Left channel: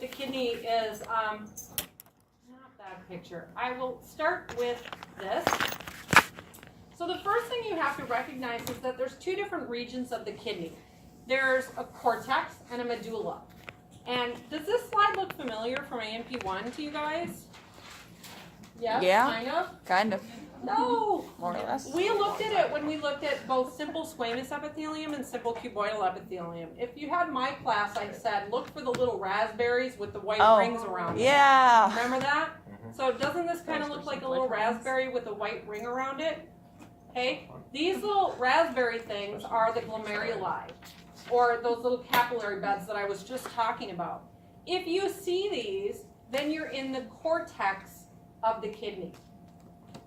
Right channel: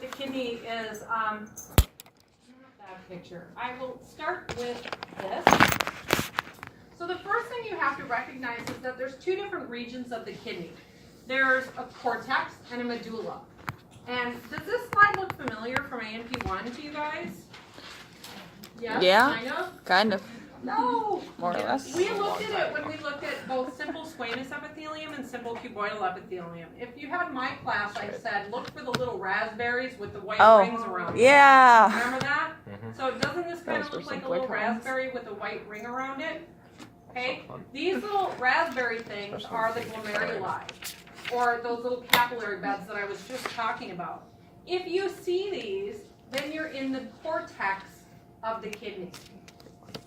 The kidney is not that picture. I will start with this. So the first thing you have to recognize is that there's two different regions of the kidney. There's a cortex and a medulla. And does this slide look familiar from AMP1 to you guys? Yes, Yeah, kind of. No. More or less. We looked at it when we looked at both simple squamous epithelium and simple cuboidal epithelium. If you had my class, I said look for the little raspberries with the white rings around them. Yeah. Remember that? So doesn't this kind of look like a little raspberry with a white ring around it? Okay. These little raspberry things are the glomeruli, or those little capillary beds that I was just talking about. If you see these, then you're in the cortex of the kidney.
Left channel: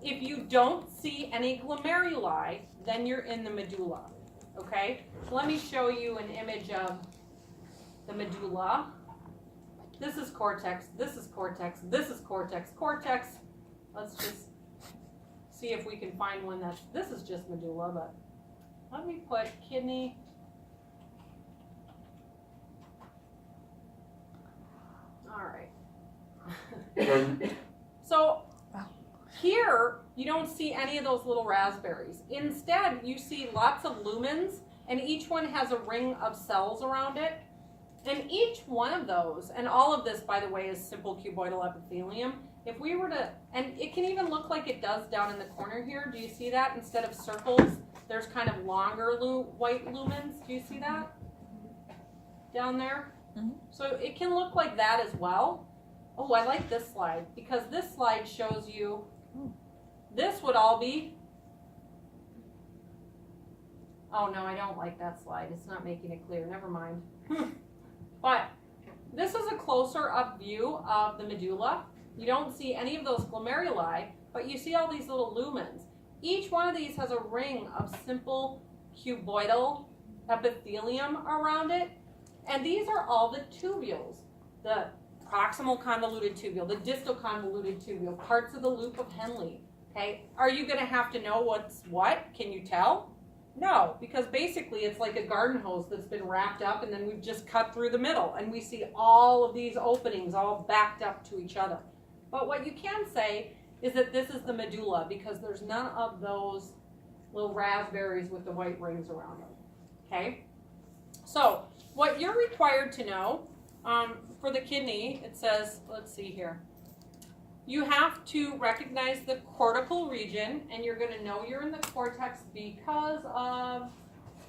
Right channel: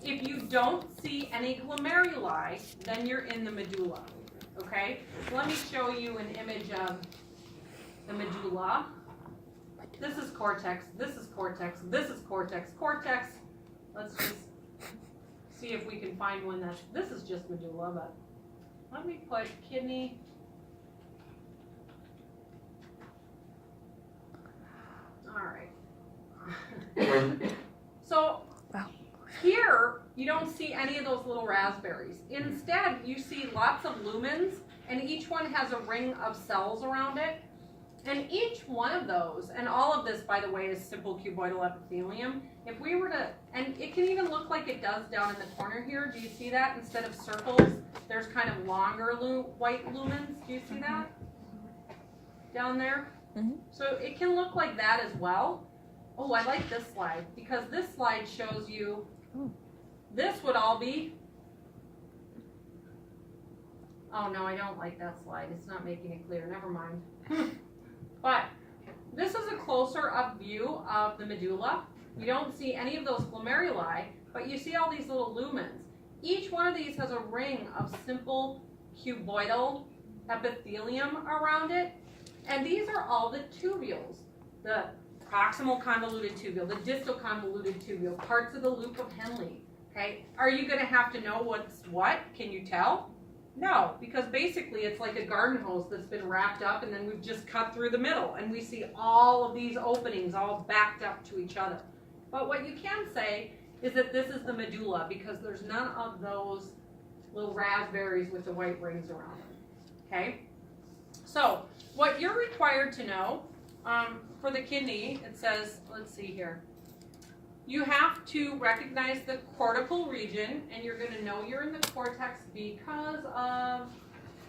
If you don't see any glomeruli, then you're in the medulla, okay? So let me show you an image of the medulla. This is cortex, this is cortex, this is cortex, cortex. Let's just see if we can find one this is just medulla, but let me put kidney. All right. So, here, you don't see any of those little raspberries. Instead, you see lots of lumens, and each one has a ring of cells around it. And each one of those, and all of this, by the way, is simple cuboidal epithelium. If we were to, and it can even look like it does down in the corner here. Do you see that? Instead of circles, there's kind of longer white lumens. Do you see that? Down there? Mm-hmm. So it can look like that as well. Oh, I like this slide, because this slide shows you this would all be, oh no, I don't like that slide. It's not making it clear. Never mind. But this is a closer up view of the medulla. You don't see any of those glomeruli, but you see all these little lumens. Each one of these has a ring of simple cuboidal epithelium around it. And these are all the tubules. The proximal convoluted tubule, the distal convoluted tubule, parts of the loop of Henle. Okay, are you going to have to know what's what? Can you tell? No, because basically it's like a garden hose that's been wrapped up, and then we've just cut through the middle, and we see all of these openings all backed up to each other. But what you can say is that this is the medulla, because there's none of those little raspberries with the white rings around them. Okay, so what you're required to know for the kidney, it says, let's see here. You have to recognize the cortical region, and you're going to know you're in the cortex because of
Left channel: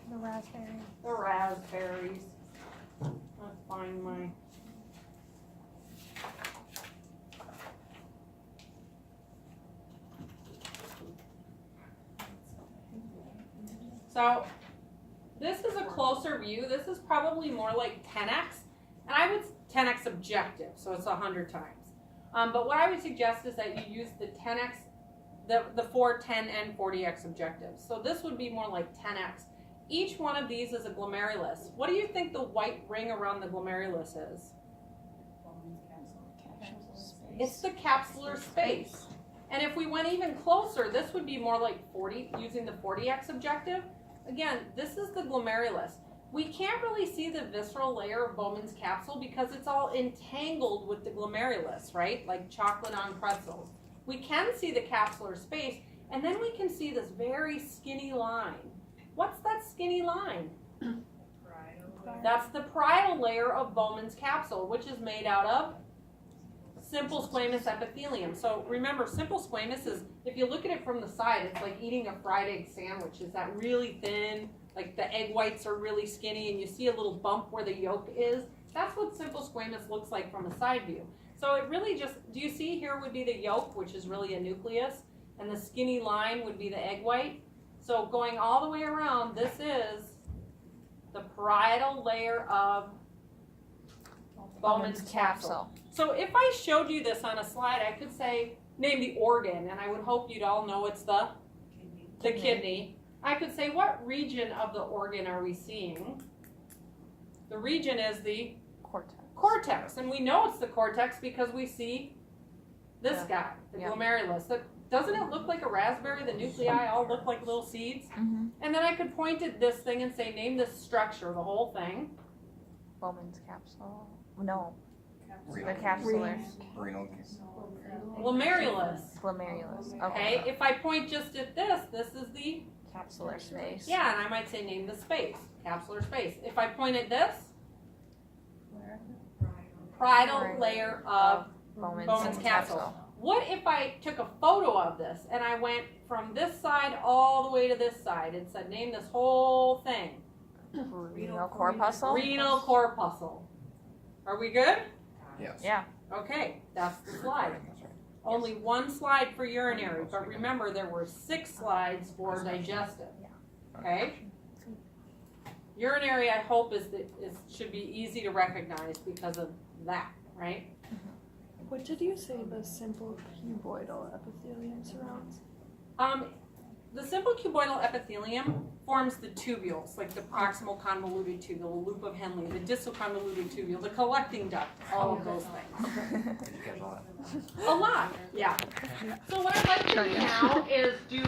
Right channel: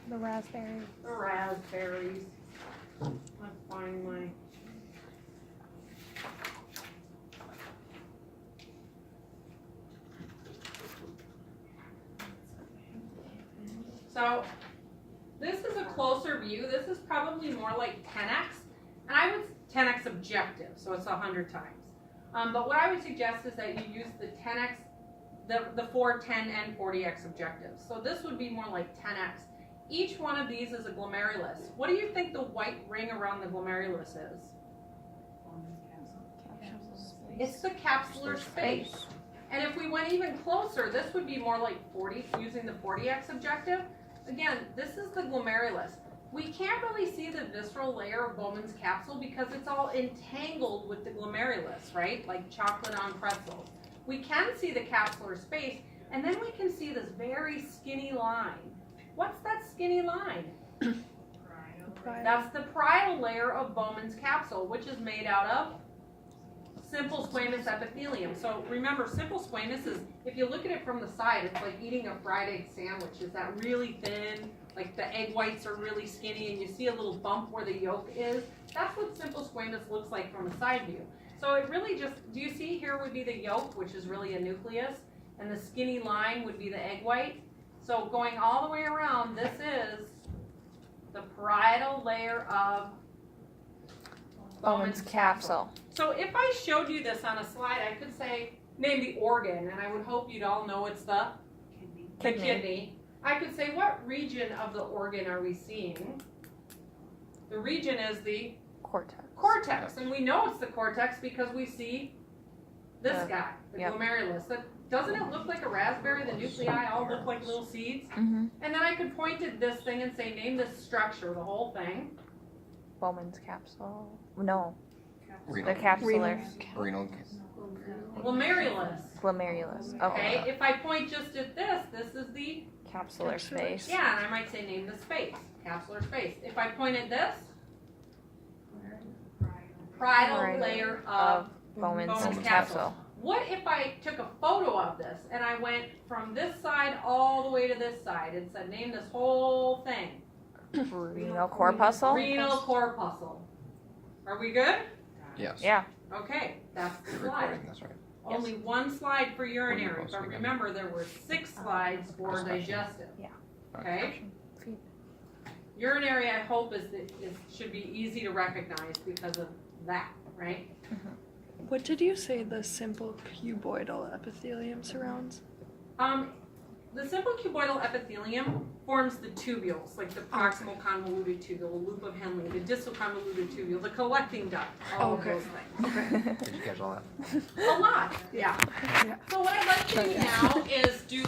The raspberry. the raspberries. Let's find my. So this is a closer view. This is probably more like 10x, and I would 10x objective, so it's 100 times. But what I would suggest is that you use the 10x, the 4, 10, and 40x objectives. So this would be more like 10x. Each one of these is a glomerulus. What do you think the white ring around the glomerulus is? It's the capsular space. And if we went even closer, this would be more like 40, using the 40x objective. Again, this is the glomerulus. We can't really see the visceral layer of Bowman's capsule because it's all entangled with the glomerulus, right? Like chocolate on pretzels. We can see the capsular space, and then we can see this very skinny line. What's that skinny line? That's the parietal layer of Bowman's capsule, which is made out of simple squamous epithelium. So remember, simple squamous is, if you look at it from the side, it's like eating a fried egg sandwich. Is that really thin? Like the egg whites are really skinny, and you see a little bump where the yolk is. That's what simple squamous looks like from a side view. So it really just, do you see here would be the yolk, which is really a nucleus, and the skinny line would be the egg white. So going all the way around, this is the parietal layer of Bowman's capsule. So if I showed you this on a slide, I could say, name the organ, and I would hope you'd all know it's the kidney. I could say, what region of the organ are we seeing? The region is the cortex. And we know it's the cortex because we see this guy, the glomerulus. Doesn't it look like a raspberry? The nuclei all look like little seeds. Mm-hmm. And then I could point at this thing and say, name this structure, the whole thing. Bowman's capsule. No. The capsular. Renal. Glomerulus. Glomerulus. Okay, Okay. if I point just at this is the, Capsular space. yeah, and I might say name the space, capsular space. If I point at this, parietal layer of Bowman's Bowman's capsule. capsule. What if I took a photo of this and I went from this side all the way to this side and said, name this whole thing? Renal corpuscle. Renal corpuscle. Are we good? Yes. Yeah. Okay, that's the slide. That's right. Only one slide for urinary, but remember there were 6 slides for digestive. Yeah. Okay? Urinary, I hope, should be easy to recognize because of that, right? What did you say the simple cuboidal epithelium surrounds? The simple cuboidal epithelium forms the tubules, like the proximal convoluted tubule, the loop of Henle, the distal convoluted tubule, the collecting duct, all of those things. Did you catch all that? A lot, yeah. So what I'd like to do now is do